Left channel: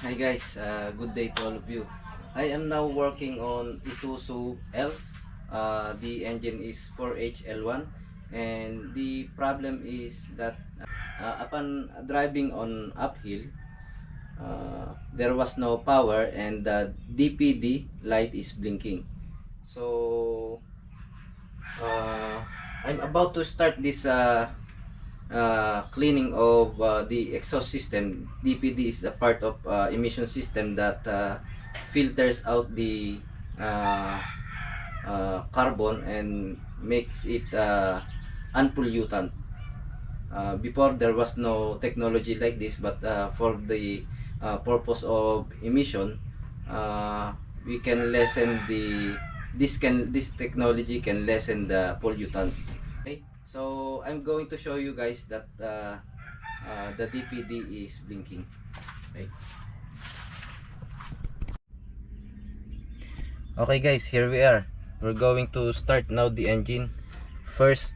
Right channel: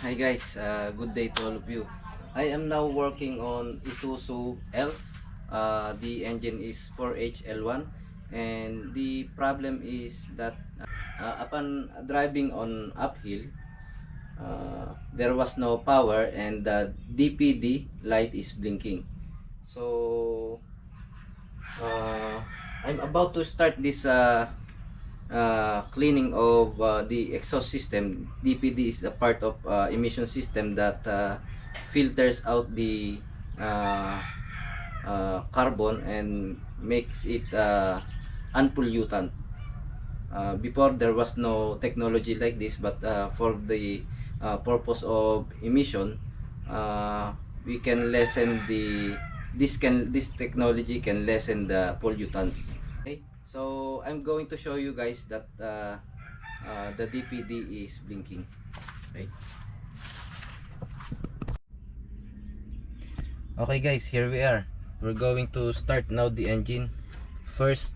Hi guys, good day to all of you. I am now working on Isuzu L. The engine is 4HL1 and the problem is that upon driving on uphill, there was no power and the DPD light is blinking. So I'm about to start this cleaning of the exhaust system. DPD is a part of emission system that filters out the uh, carbon and makes it unpollutant. Before there was no technology like this, but for the purpose of emission, we can lessen the this technology can lessen the pollutants. Okay, so I'm going to show you guys that the DPD is blinking. Okay. Okay guys, here we are. We're going to start now the engine. First,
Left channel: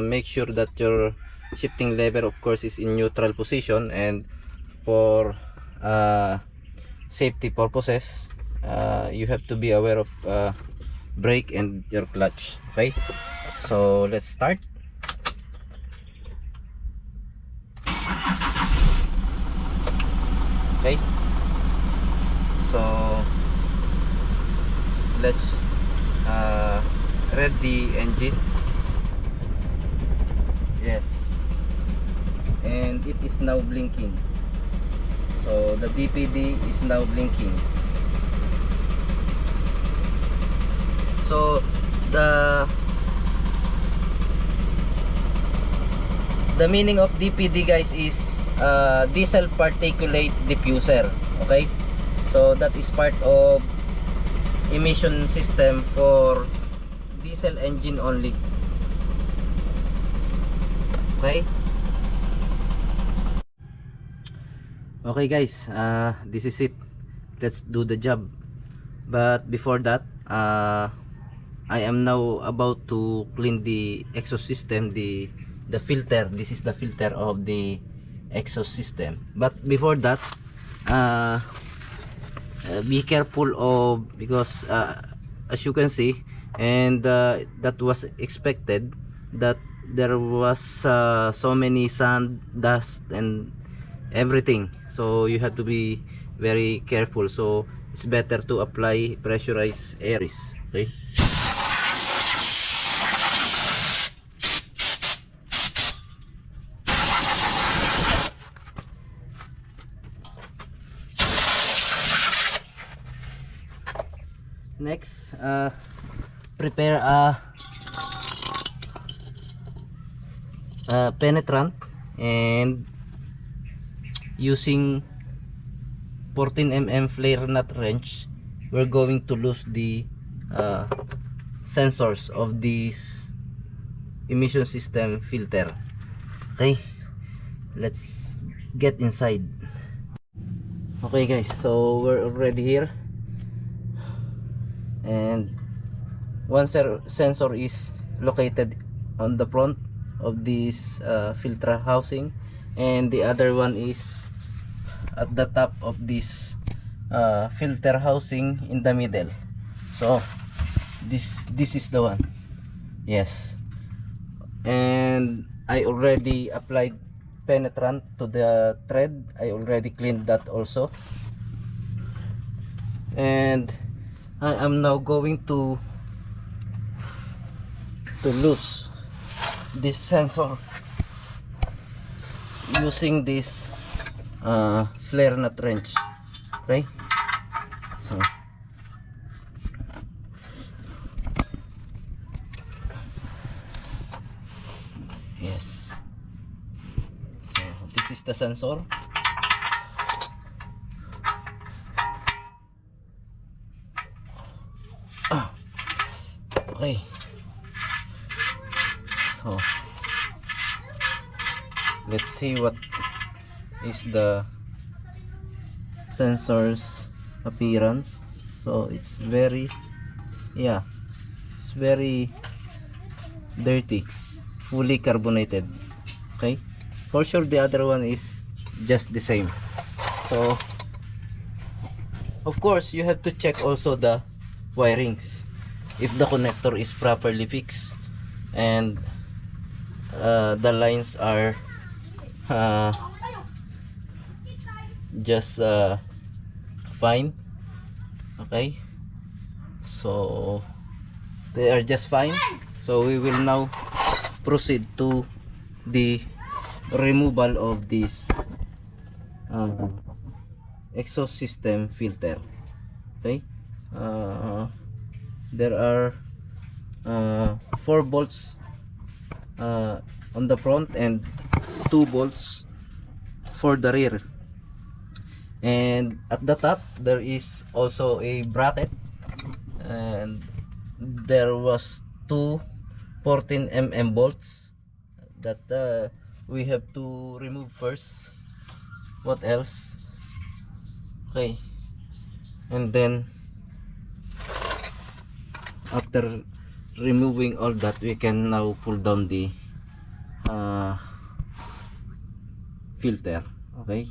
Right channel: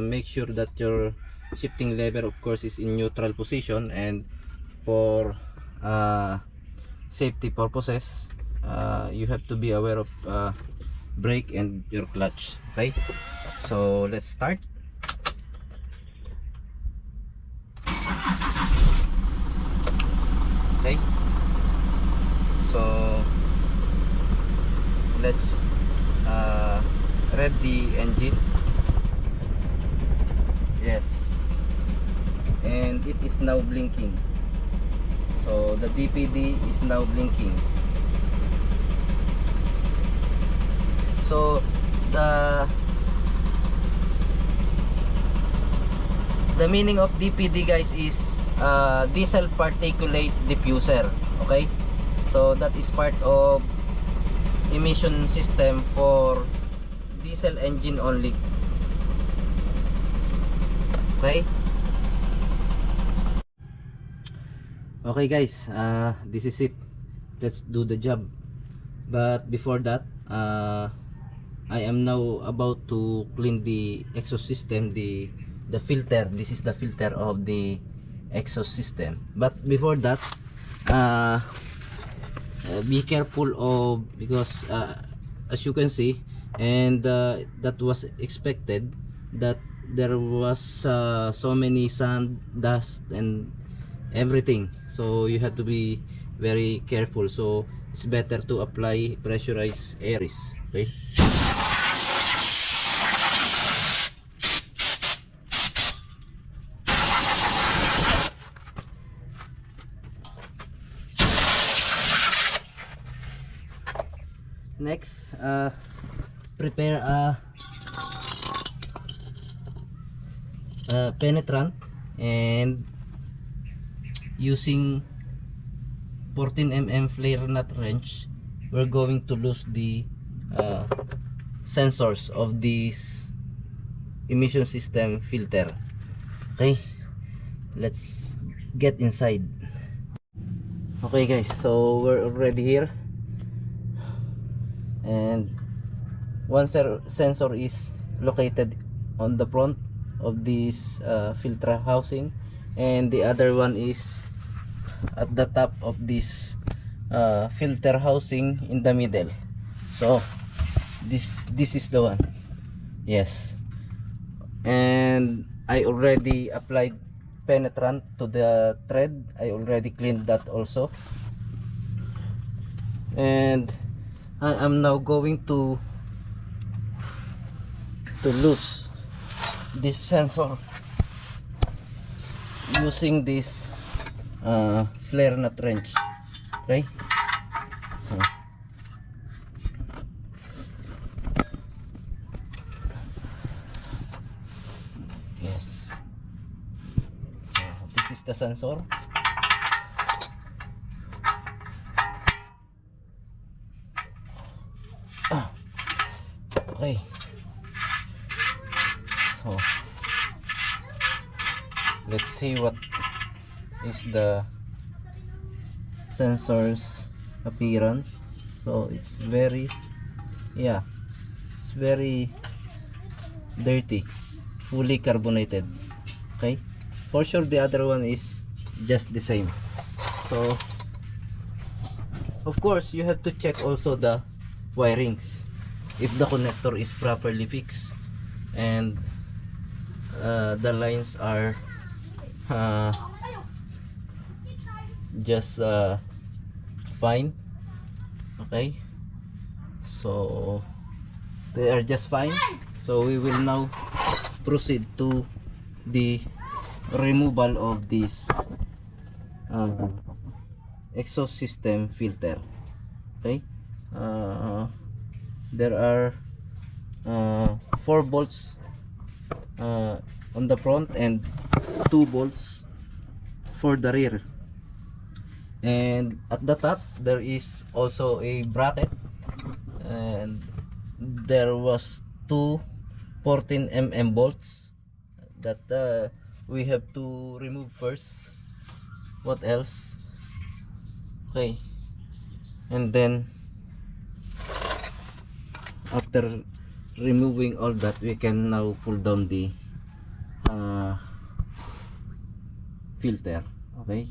make sure that your shifting lever of course is in neutral position, and for safety purposes, you have to be aware of brake and your clutch. Okay, so let's start. Okay, so let's read the engine. Yes, and it is now blinking. So the DPD is now blinking. So the meaning of DPD guys is diesel particulate diffuser. Okay, so that is part of emission system for diesel engine only. Okay. Okay guys, this is it. Let's do the job. But before that, I am now about to clean the exhaust system, the filter. This is the filter of the exhaust system. But before that, be careful of, because as you can see, and that was expected, that there was so many sand, dust and everything, so you have to be very careful. So it's better to apply pressurized air. Okay. Next, prepare a penetrant, and using 14 mm flare nut wrench, we're going to lose the sensors of this emission system filter. Okay, let's get inside. Okay guys, so we're already here, and one sensor is located on the front of this filter housing, and the other one is at the top of this filter housing in the middle. So this is the one. Yes, and I already applied penetrant to the thread. I already cleaned that also, and I am now going to loose this sensor using this flare nut wrench. Okay, so yes, so this is the sensor. Okay, so let's see what is the sensor's appearance. So it's very, yeah, it's very dirty, fully carbonated. Okay, for sure the other one is just the same. So Of course, you have to check also the wirings if the connector is properly fixed and the lines are just fine. Okay, so they are just fine. So we will now proceed to the removal of this exhaust system filter. Okay, there are 4 bolts on the front and 2 bolts for the rear, and at the top there is also a bracket, and there was 2 14 mm bolts that we have to remove first. What else? Okay, and then after removing all that, we can now pull down the filter. Okay,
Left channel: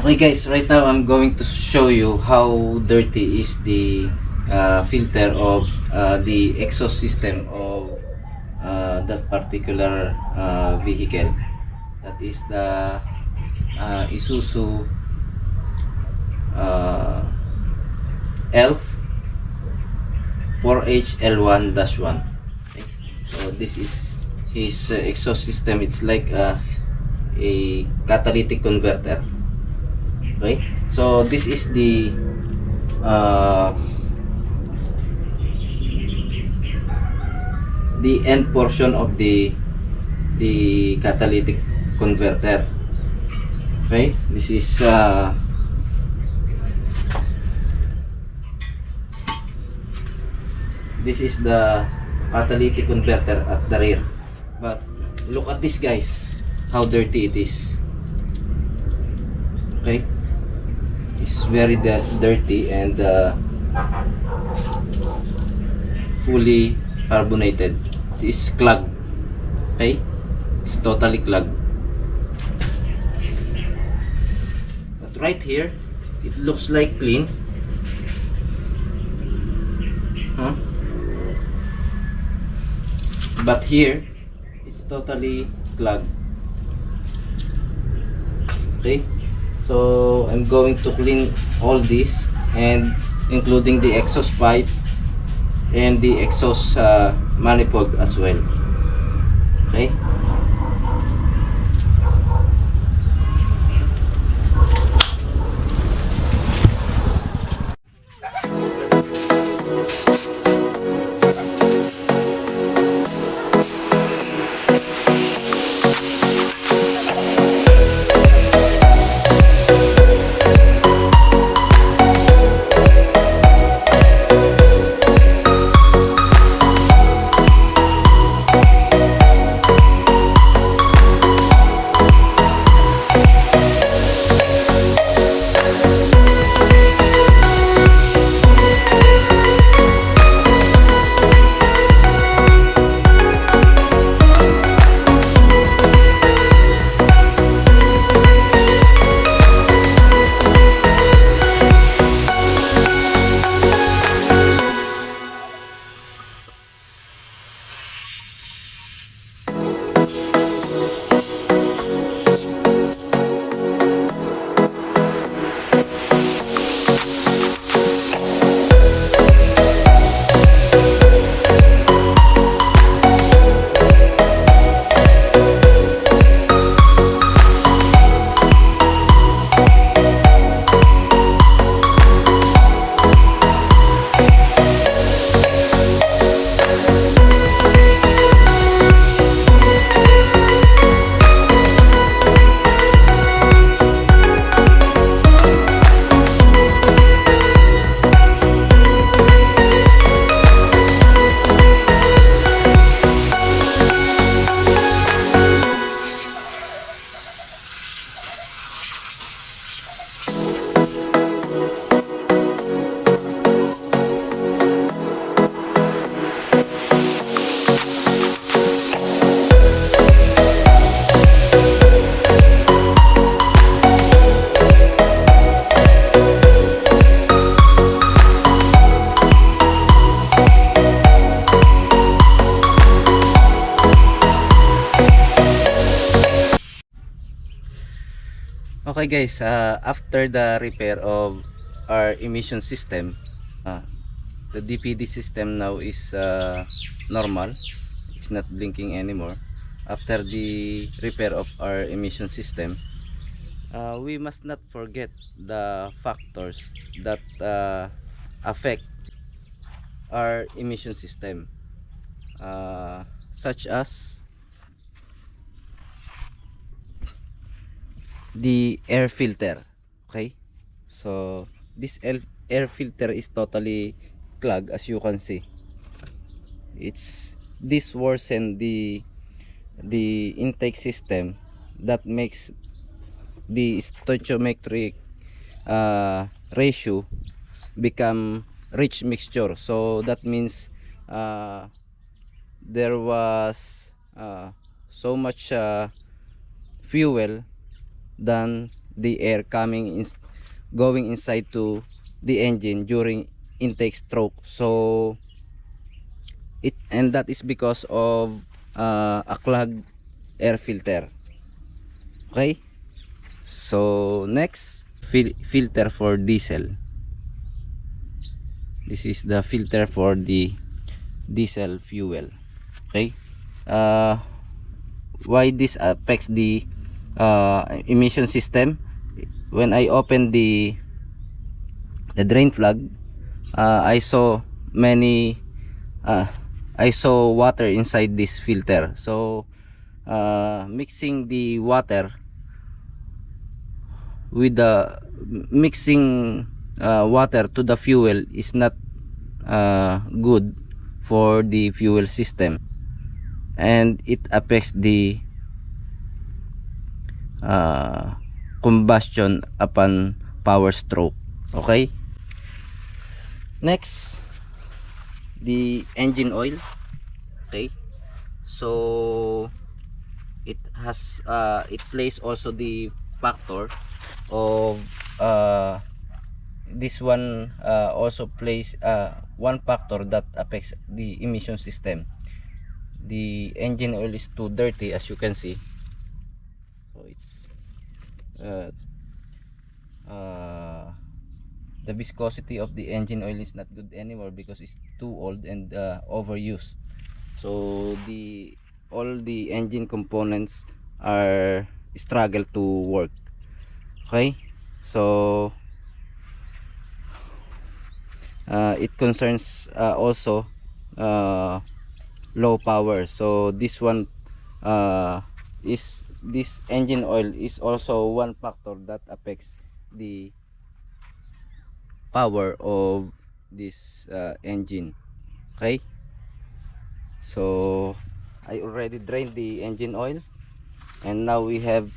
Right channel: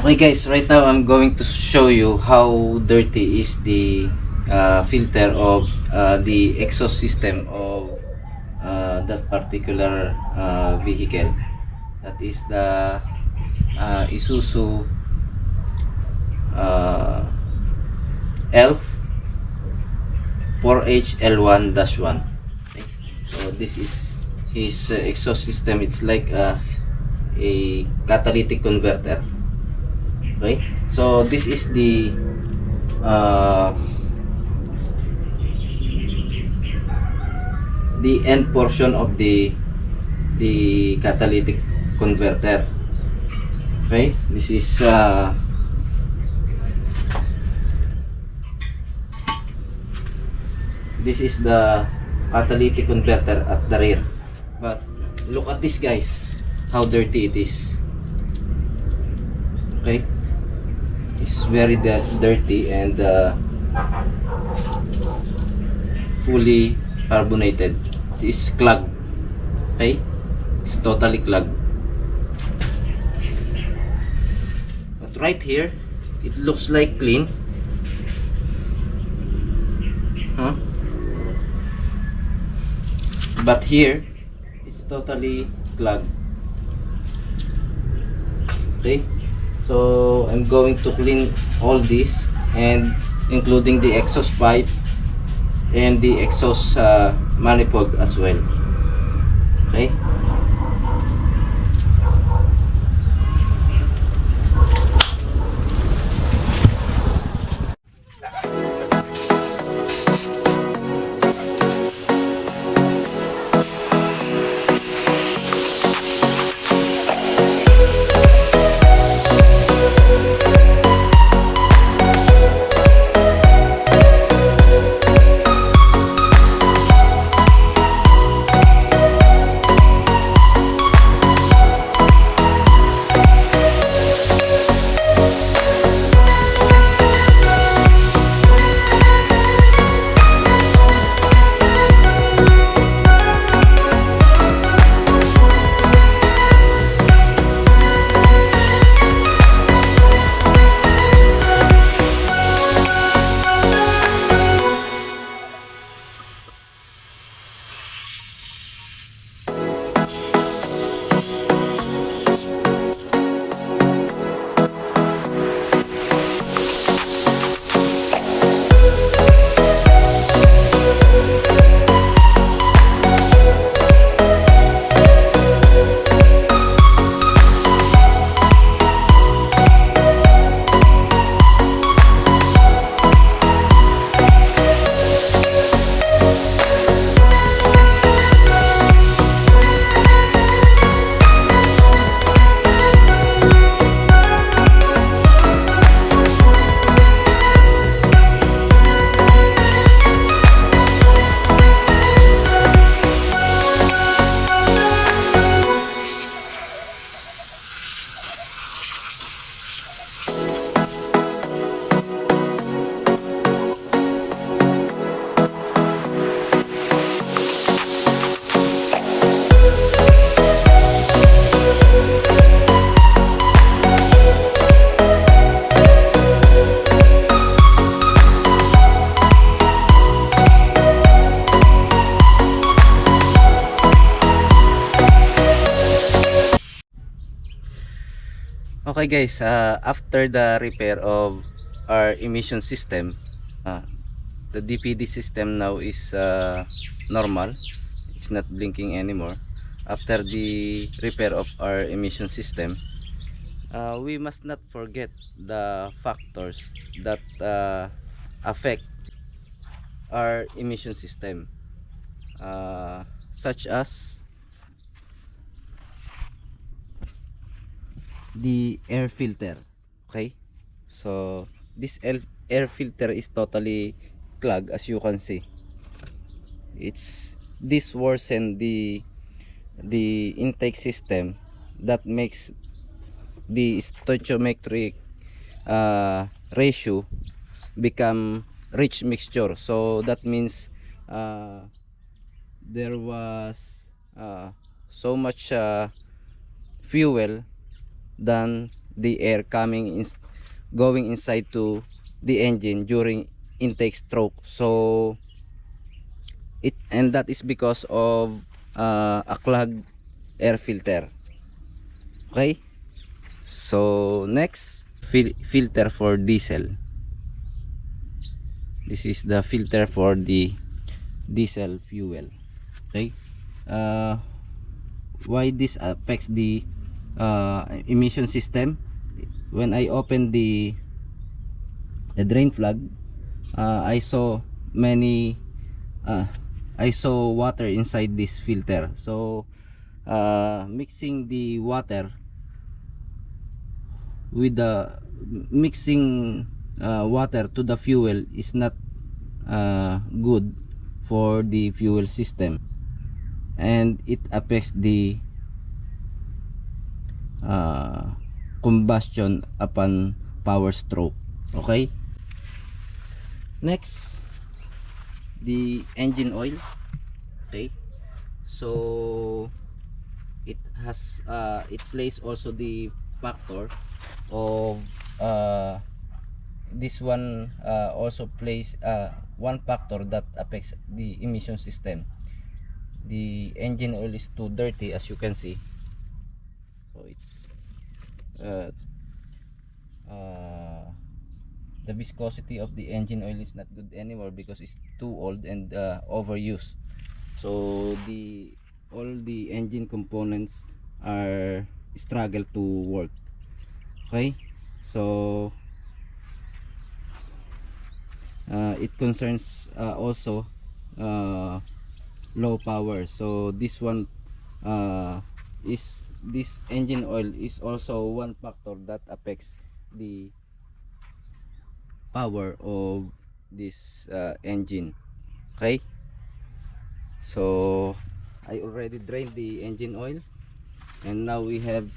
okay guys, right now I'm going to show you how dirty is the filter of the exhaust system of that particular vehicle. That is the Isuzu ELF 4HL1-1. Okay. So this is his exhaust system. It's like a catalytic converter. Okay, so this is the end portion of the catalytic converter. Okay, this is the catalytic converter at the rear. But look at this guys, how dirty it is. Okay, it's very dirty and fully carbonated. It's clogged. Okay, it's totally clogged. But right here, it looks like clean. Huh? But here, it's totally clogged. Okay, so I'm going to clean all this, and including the exhaust pipe and the exhaust manifold as well. Okay, Okay guys, after the repair of our emission system, the DPD system now is normal. It's not blinking anymore. After the repair of our emission system, we must not forget the factors that affect our emission system, such as the air filter. Okay, so this air filter is totally clogged, as you can see. It's this worsen the intake system that makes the stoichiometric ratio become rich mixture. So that means uh, there was so much fuel than the air going inside to the engine during intake stroke. So that is because of a clogged air filter. Okay, so next, filter for diesel. This is the filter for the diesel fuel. Okay, uh, why this affects the emission system? When I open the drain plug, I saw many I saw water inside this filter. So mixing the water with the mixing water to the fuel is not good for the fuel system, and it affects the combustion upon power stroke. Okay, next, the engine oil. Okay, so it plays also the factor of this one, also plays one factor that affects the emission system. The engine oil is too dirty, as you can see. So it's uh, uh, the viscosity of the engine oil is not good anymore because it's too old and overused. So all the engine components are struggle to work. Okay, so it concerns also low power. So this one is this engine oil is also one factor that affects the power of this engine. Okay, so I already drained the engine oil, and now we have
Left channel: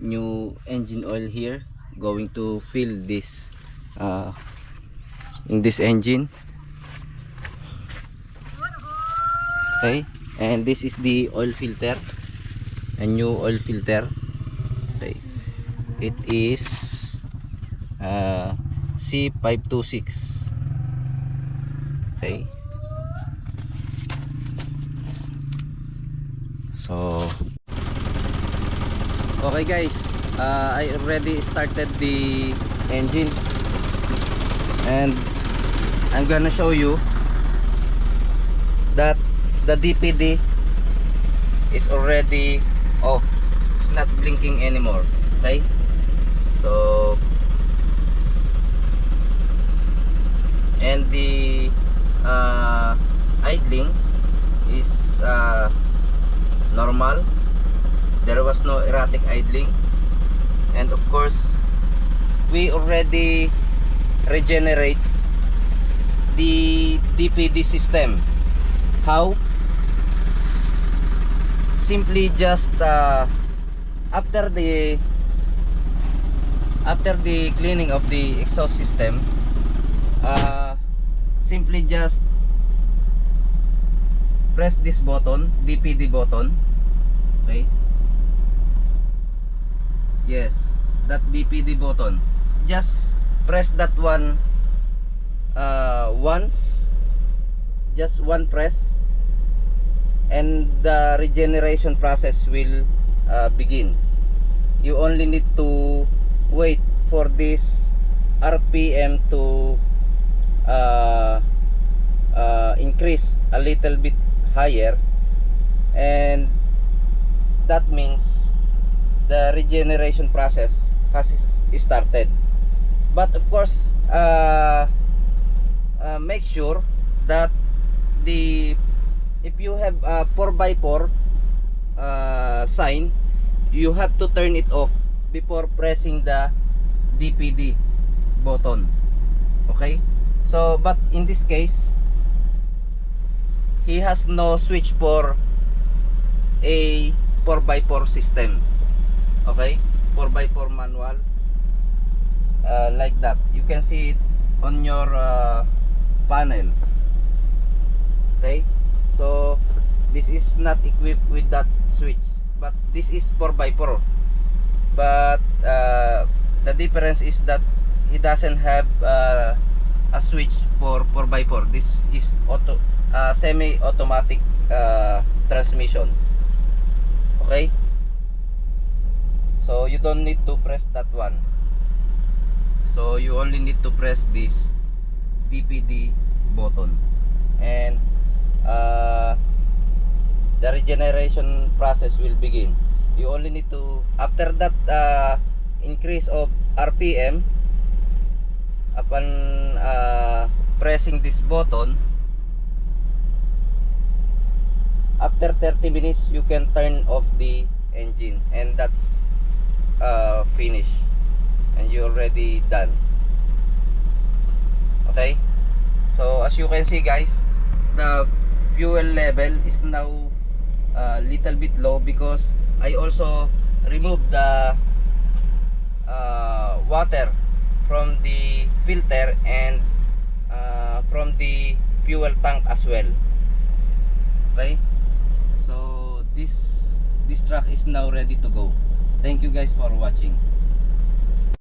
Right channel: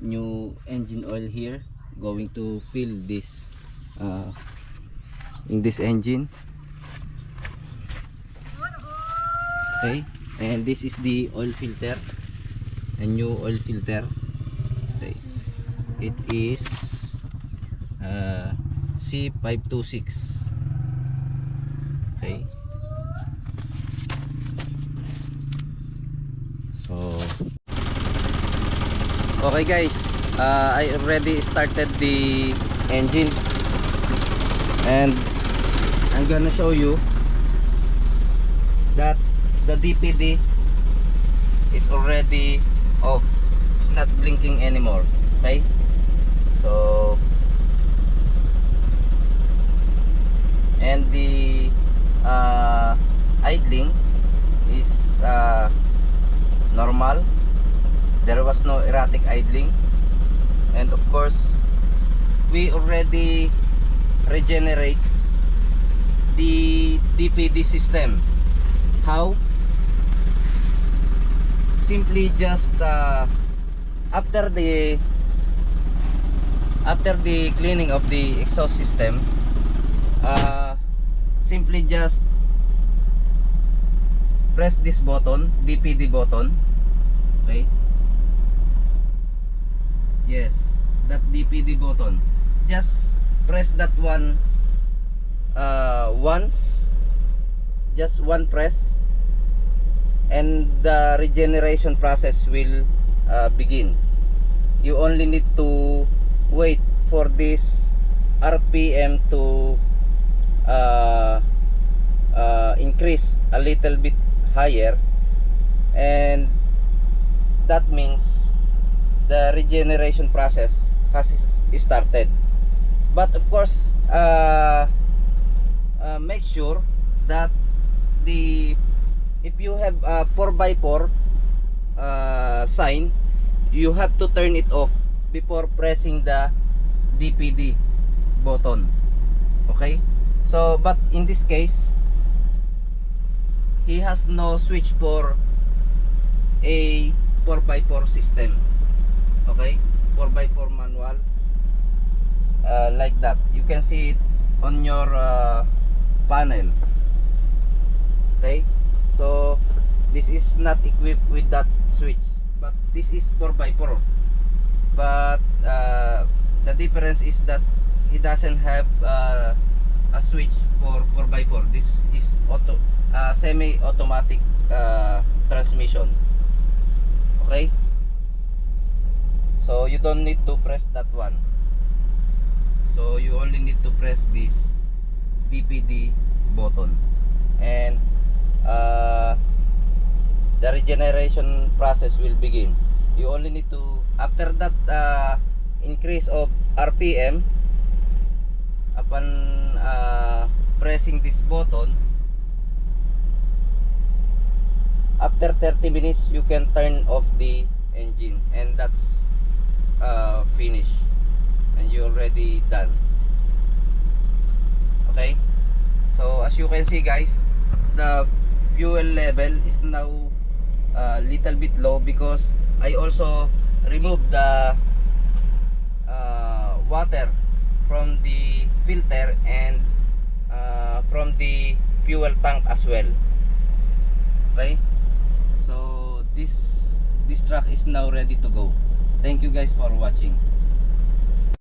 new engine oil here, going to fill this in this engine. Okay, and this is the oil filter, a new oil filter. Okay, it is C526. Okay, so okay guys, I already started the engine, and I'm gonna show you that the DPD is already off. It's not blinking anymore. Okay, so and the idling is normal. There was no erratic idling, and of course we already regenerate the DPD system. How? Simply just after the cleaning of the exhaust system, simply just press this button, DPD button. Okay, yes, that DPD button, just press that one once, just one press, and the regeneration process will begin. you only need to wait for this RPM to increase a little bit higher, and that means the regeneration process has started. But of course, make sure that if you have a 4x4 sign, you have to turn it off before pressing the DPD button. Okay, so but in this case, he has no switch for a 4x4 system. Okay, 4x4 manual, like that. You can see it on your panel. Okay, so this is not equipped with that switch, but this is 4x4. But the difference is that he doesn't have a switch for 4x4. This is semi-automatic transmission. Okay, so you don't need to press that one. So you only need to press this DPD button, and the regeneration process will begin. You only need to, after that increase of RPM, upon pressing this button, after 30 minutes you can turn off the engine, and that's finished, and you're already done. Okay, so as you can see guys, the fuel level is now a little bit low because I also removed the water from the filter and from the fuel tank as well. Okay, so this truck is now ready to go. Thank you guys for watching.